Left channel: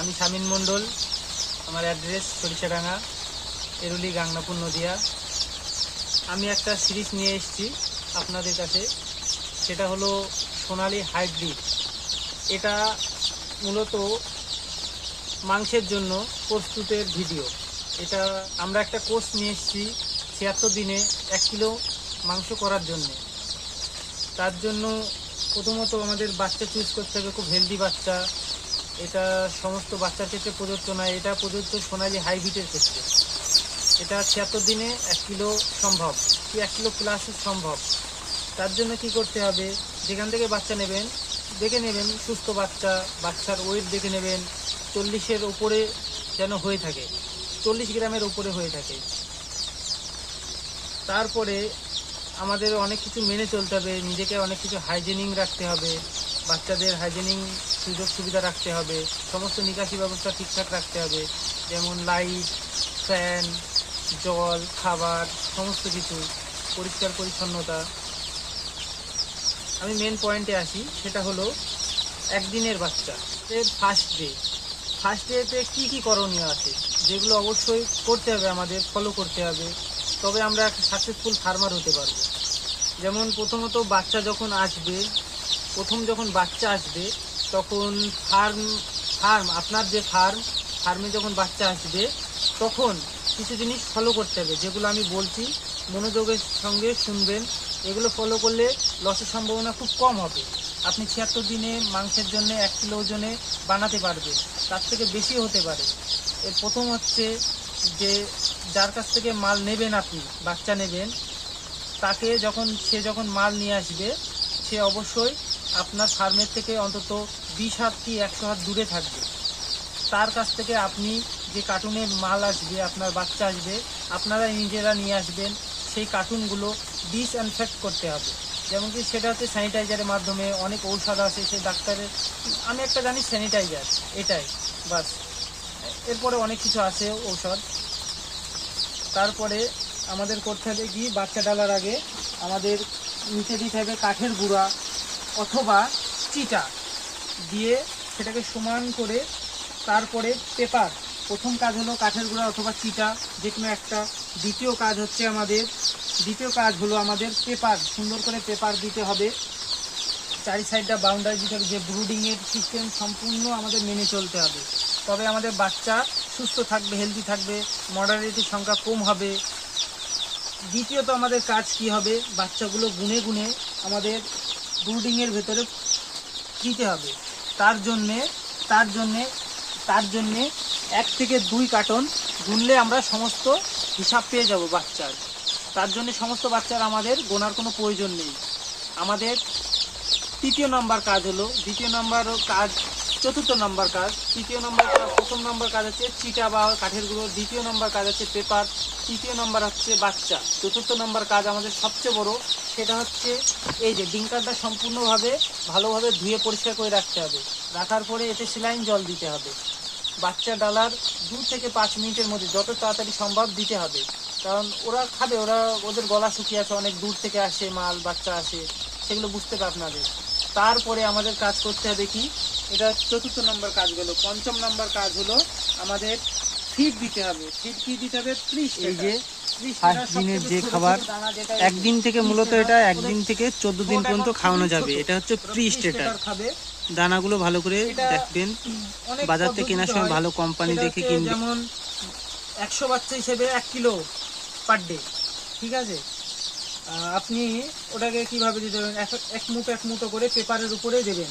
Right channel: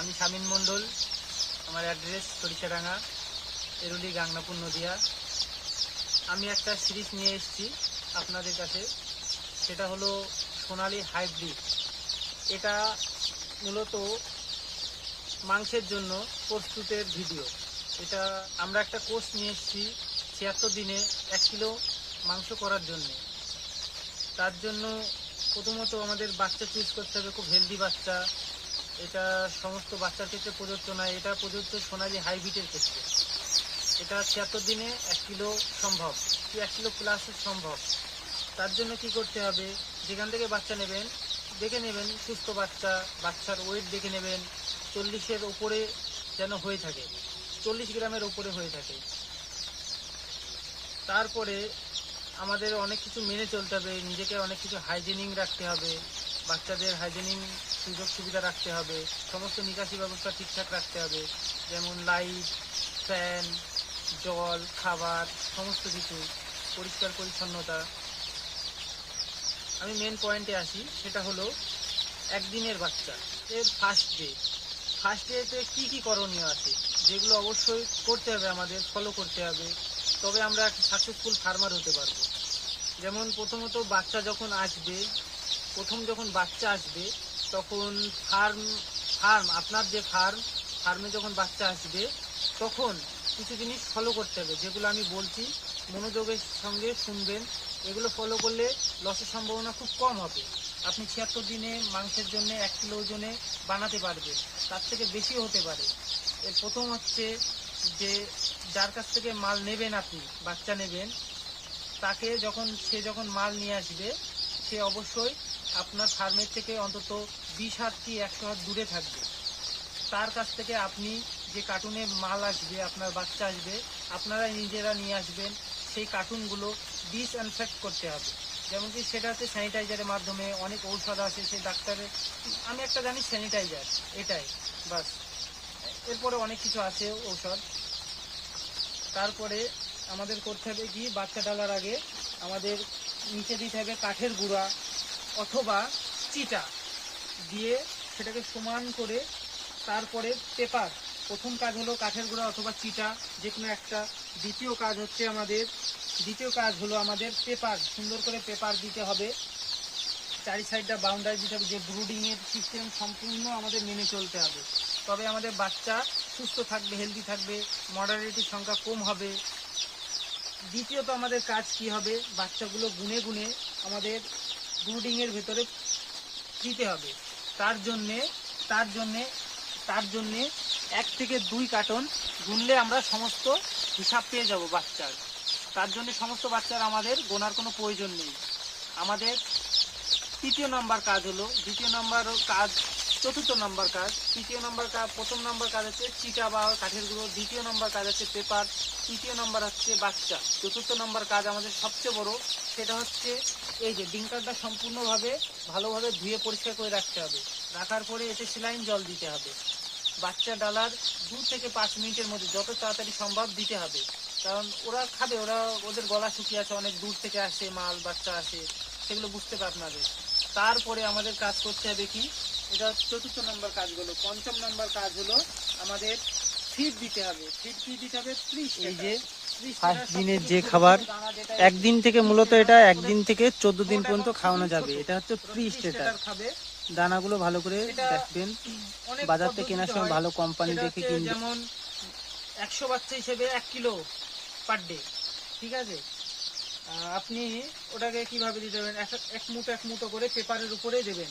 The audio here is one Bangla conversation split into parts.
আমি শামিন মণ্ডল, আমার অ্যাড্রেস সরিষাডাঙ্গা, এরুলি, গাংনাপুর, নদিয়া। আমি একটা সিরিজ নিয়ে এসেছি আপনাদের কাছে, সেটা হলো সোনালী হাইব্রিড। এটা মূলত মাংসের জন্য প্রস্তুতের ভিডিও। এটা আমরা একটা কোর্স নিয়ে এসেছি ৭৬ দিনে ১ কিলো মাংস করার জন্যে। তার জন্য প্রথমত আমাদের বাচ্চা চুজ করতে হবে, খুব হেলদি বাচ্চা। এটা সমস্ত বাচ্চার ক্ষেত্রে প্রযোজ্য নয়, এটা প্রযোজ্য সোনালী হাইব্রিডের ক্ষেত্রে। এটা ৭৬ দিনে ১ কিলো সম্ভব, কি ১ কিলো প্লাস সম্ভব। তার জন্য কি করতে হবে, যেখান থেকে বাচ্চা নেবেন দেখে নেবেন, সুস্থ বাচ্চা, বাচ্চার ওয়েট দেখে নেবেন ৪০-এর উপরে যেন হয়ে থাকে, ৪০ গ্রামের উপরে হয়ে থাকে। তারপরে আমাদের অনেক কিছু মেনে চলতে হবে, নিজেকে অনেক কিছু হাইজেনিং রাখতে হবে, বাচ্চাদের হাইজেনিং সুযোগ সুবিধা রাখতে হবে, সমস্ত নিকাশি ব্যবস্থা ঠিকঠাক রাখতে হবে, যেমন লাইট, ফ্যান, জল, খাবার, সমস্ত কিছু, পরিষ্কার পরিচ্ছন্নতা। আমি মেন পয়েন্টে আসি, সেটা হলো একদিনের বাচ্চা এর ফার্স্ট ডেতে কী কী করণীয় আছে, যেগুলো অবশ্যই করতে হবে, আমাদের ফলো করতে হবে, তবে আমরা একটা সাকসেসফুল ফার্মার হতে পারবো। যেমন প্রথমত বাচ্চা যখন আসবে, যখন বাচ্চা আসবে তখন আপনার যে ফার্মে যখন বাচ্চা আসবে তখন কিছু জিনিস ফলো করতে হবে, যেগুলো আমি বলছি মনোযোগের সঙ্গে শুনবেন। এগুলো ফলো করলে লসের সম্ভাবনা খুব কম হবে। আপনি ৭৬ দিনে মাংসের জন্য ১ কিলো ওজনে বানাতে পারবেন, তার থেকে বেশি হতে পারে। এর প্রথম হচ্ছে যে যার কাছ থেকে মাল নেবেন, আপনি বাচ্চা নেবেন, সে যখন মাল নিয়ে আসবে, সে অবশ্যই আপনার ফার্মের থেকে অন্তত ২০ হাত কি ১০০ হাত দূরে থাকবে। তার কাছ থেকে আপনি যে কার্টুনে মাল আসবে, আপনার বাচ্চা আসবে, আপনারা নিজেরা নিয়ে আসবেন। সেই কার্টুনগুলো ডিসইনফেক্ট করতে হবে, যেমন কি সেটা হচ্ছে স্যানিটাইজারের মাধ্যমে। অনেক ঔষধ আছে, সেই ডাক্তারের, আমি একটা জানি স্যানিটাইজার, এটাই বাস। এরপরে অনেক কিছু আছে ঔষধ। তারপরে আমাদের করতে হবে কি, বাচ্চা ডালার আগে আমাদের নিচে দিতে হবে কাঠের গুঁড়া অথবা চিটা দিয়ে সেটাকে সমান করে, তারপরে পেপার। প্রথম কাজ হলো কাঠের গুঁড়া অথবা চিটা, যে কোনো একটা। দ্বিতীয় কাজ হলো আমাদের পেপার, সুন্দর করে পেপার দিতে হবে, চারি সাইডটা বাউন্ডারি দিতে হবে। যে ব্রুডিংয়ের সিস্টেম সম্পূর্ণ আমাদের মেনে চলতে হবে, তবে আমাদের বাচ্চা সুস্থ থাকবে, হেলদি থাকবে, মর্টালিটির সংখ্যা কম হবে। দ্বিতীয়ত আমাদের কাজ কি হবে, বাচ্চাগুলো গুনে গুনে আমাদের ব্রুডিংয়ের ভেতরে দিতে হবে। তার জন্যে ১ থেকে ২ কার্টন গুনলে আমরা সমস্ত হিসাব পেয়ে যাব বাচ্চার। তার জন্য সমস্ত বাচ্চার আমাদের গোনার কোনো প্রয়োজন নেই। আমাদের তৃতীয় নম্বর কাজ হলো, চতুর্থ নম্বর কাজ, প্রথম নম্বর কাজ হচ্ছে চিটা বা কাঠের গুঁড়ো, দ্বিতীয় নম্বর কাজ হচ্ছে পেপার, তৃতীয় নম্বর হচ্ছে বাচ্চা, চতুর্থ নম্বর কাজ আমাদের সবচেয়ে বড়, সেটা হচ্ছে এই যে ডিঙ্কারটা সম্পূর্ণভাবে ভালোভাবে ধুয়ে পরিষ্কার করে রাখতে হবে। রাখার পরে এতে স্যালাইন জল দিতে হবে। বাচ্চা ডালার ২ থেকে ৫ মিনিটের মধ্যে যত তাড়াতাড়ি সম্ভব দিতে হবে, কারণ ওরা খাবে, ওদের গলা শুকিয়ে আছে, অনেক দূর থেকে আসে মাল, বাচ্চা আসে, সেগুলো বুঝতে হবে আপনাদের। তারপরে আমাদের কাজ করতে হবে কি, এটা চতুর্থ নম্বর কাজ হলো। পঞ্চম নম্বর কাজ হলো আমাদের ফিড দিতে হবে। ফিড কি দিতে হবে? এই যে ফার্স্ট দিনের যে খাবার, একদিন থেকে মূলত এটা ১ দিন থেকে ১৪ দিন পর্যন্ত খাওয়ানো যাবে। এটা হচ্ছে প্রি স্টেটার খাবে। দানাগুলো ভালো করে দেখবেন, বাজার থেকে কেনার সময় ভালো কোম্পানি দেখে কিনবেন। যেমন ১০০ বাচ্চা হিসেবে ১ কিলো পার ডে, ঠিক আছে। আপনি ওটাকে কিভাবে দিতে দেবেন, এক মুঠো করে পেপারের উপরে দেবেন।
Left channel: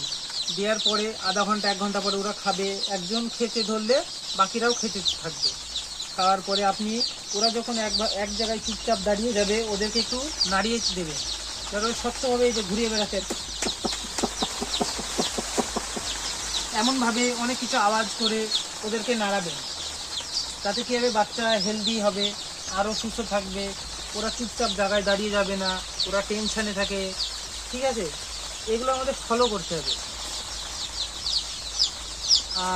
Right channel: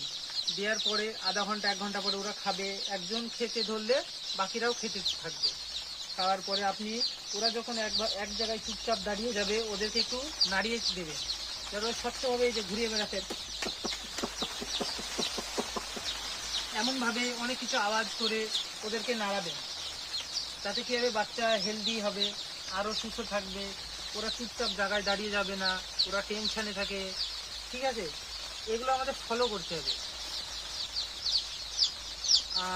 দেওয়ার পরে আধা ঘন্টা ১ ঘন্টা পরে ওরা খাবে। একজন খেতে ধরলে বাকিরাও খেতে থাকবে। খাওয়ার পরে ওরা যখন এক জায়গায় চুপচাপ দাঁড়িয়ে যাবে, ওদেরকে একটু নাড়িয়ে দেবেন, যাতে স্বচ্ছভাবে এই যে ঘুরিয়ে বেড়াতে, এমনভাবে অনেক কিছু আওয়াজ করে ওদেরকে নাড়াবেন। তাতে কী হবে, বাচ্চা হেলদি হবে, আরও সুস্থ থাকবে। ওরা চুপচাপ জায়গায় দাঁড়িয়ে যাবে না, ওরা টেনশানে থাকে, ঠিক আছে। এগুলো আমাদের ফলো করতে হবে।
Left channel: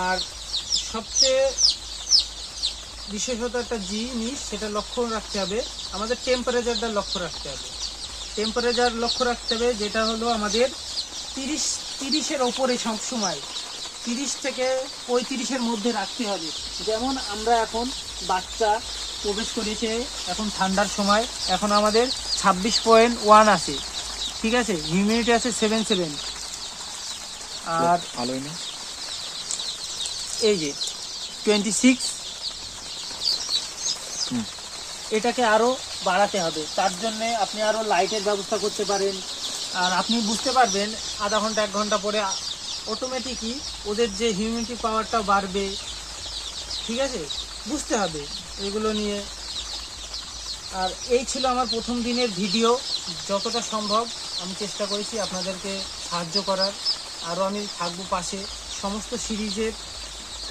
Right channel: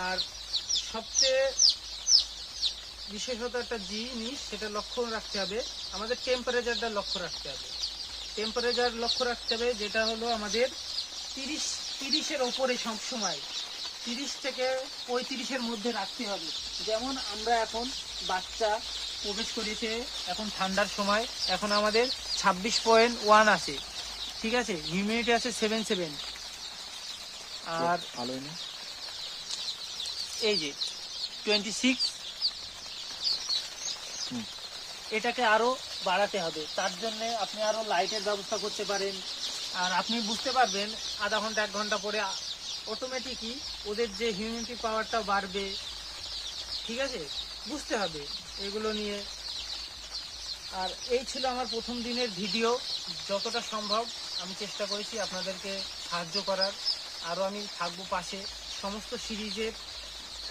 আর সবচেয়ে বিশেষত একটা জিনিস, সেটা লক্ষ্য রাখতে হবে, আমাদের টেম্পারেচারটা লক্ষ্য রাখতে হবে। যেটা হলো আমাদের ৩০-এর ওপরে সবসময় 30 থেকে 35-এর মধ্যে রাখতে হবে। যেমন আমরা এখন বাচ্চা প্রবেশ করেছে, এখন ঠান্ডার সময়, এখন আমাদের 26.1 আছে, ঠিক আছে, হিউমিডিটি আছে 77, আর ভালোই না, এই যে 26, এটাকে আরো বাড়াতে হবে। তার জন্য আপনি আরো লাইটের ব্যবস্থা করতে পারেন। আর আপনি বুঝতে পারবেন আধা ঘন্টা 1 ঘন্টা পরে অটোমেটিকই ওদের যে হিউমিডিটি পাওয়ারটা বাড়বে, ঠিক আছে, বুঝতে হবে এগুলো নিয়ে। আর এই ছিল আমার প্রথম দিনের ভিডিও। যতটা সম্ভব আমি চেষ্টা করেছি আপনাদেরকে সাহায্য করার। আরও আমি থাকবো পাশে। সমস্ত সিরিজের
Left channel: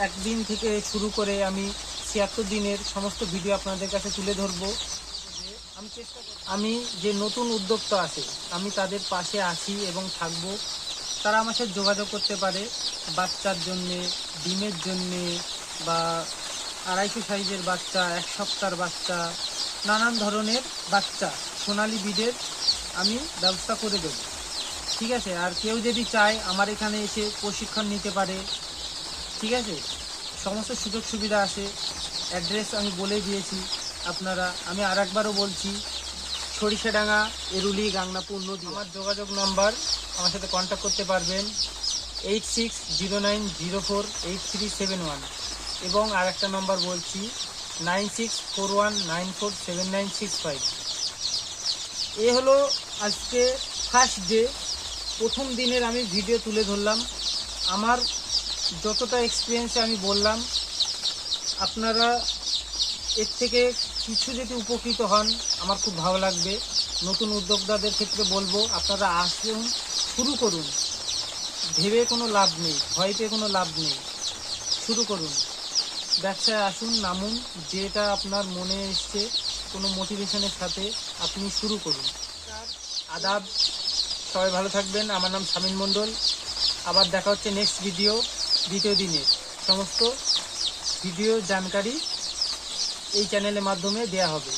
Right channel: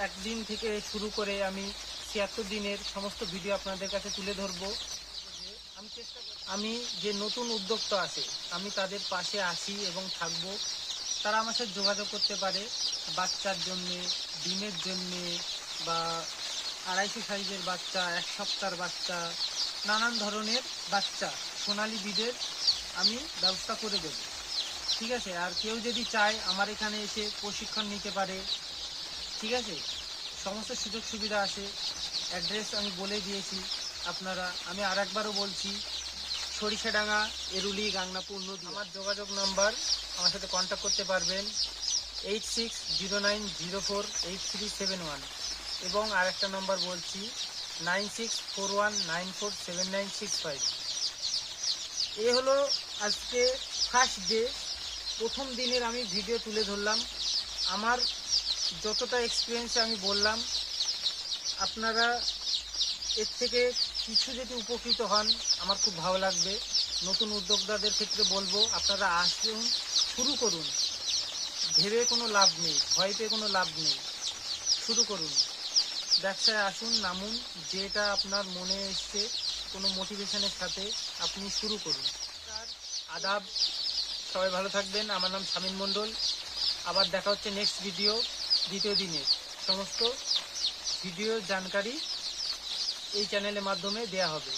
1 দিন থেকে শুরু করে আমি 76 দিনের সমস্ত ভিডিও আপনাদের কাছে তুলে ধরবো। আমি যে নতুন উদ্যোক্তা আছে আমি তাদের পাশে আছি এবং থাকবো। তারা আমার সাথে যোগাযোগ করতে পারে বাচ্চার জন্যে, ডিমের জন্যে, বা 250 সাইজের বাচ্চা, 1 সপ্তাহের বাচ্চা, নানান ধরনের বাচ্চা সোনালী ব্রিডের আমি ব্যবস্থা করে দেব, ঠিক আছে। আর কেউ যদি চায় আমার এখানে এসে প্রশিক্ষণ নিতে পারে, ঠিক আছে, সমস্ত সুযোগ সুবিধা আছে। অ্যাড্রেস আমি বলে দিয়েছি আপনারা। আমি আরেকবারও বলছি, সরিষাডাঙ্গা, এরুলি, গাংনাপুর নদী। আমার যোগাযোগ নাম্বার, আমার সাথে কন্ট্যাক্ট করতে পারবেন 8609048371, এবং আরেকটা নম্বর বলছি 9641947965। এ হলো আজকে ফার্স্ট ডে, প্রথম দিনের আমি ভিডিও তুলে ধরলাম। আমার যতটা এক্সপিরিয়েন্সে আমি বললাম, আপনারা এর থেকে কিছু যদি উপকৃত হন আমার খুব ভালো লাগবে। নতুন উদ্যোক্তাদের ক্ষেত্রে বলবো, আপনারা আসুন, শুরু করুন। ভেবে কোনো লাভ নেই, ভয় পেয়ে কোনো লাভ নেই, শুরু করুন, ব্যবসায় আসুন, নামুন। যেটা আপনার মনে এসছে কোনো মোটিভেশনের সাথে আপনি শুরু করুন। আদাব, সবাই ভালো থাকবেন। আমার নাম শামীম মণ্ডল। আবার দেখা হচ্ছে নেক্সট ভিডিও, দ্বিতীয় দিনের সমস্ত ভিডিও জানকারি এই চ্যানেলের মাধ্যমে দেয়া হবে।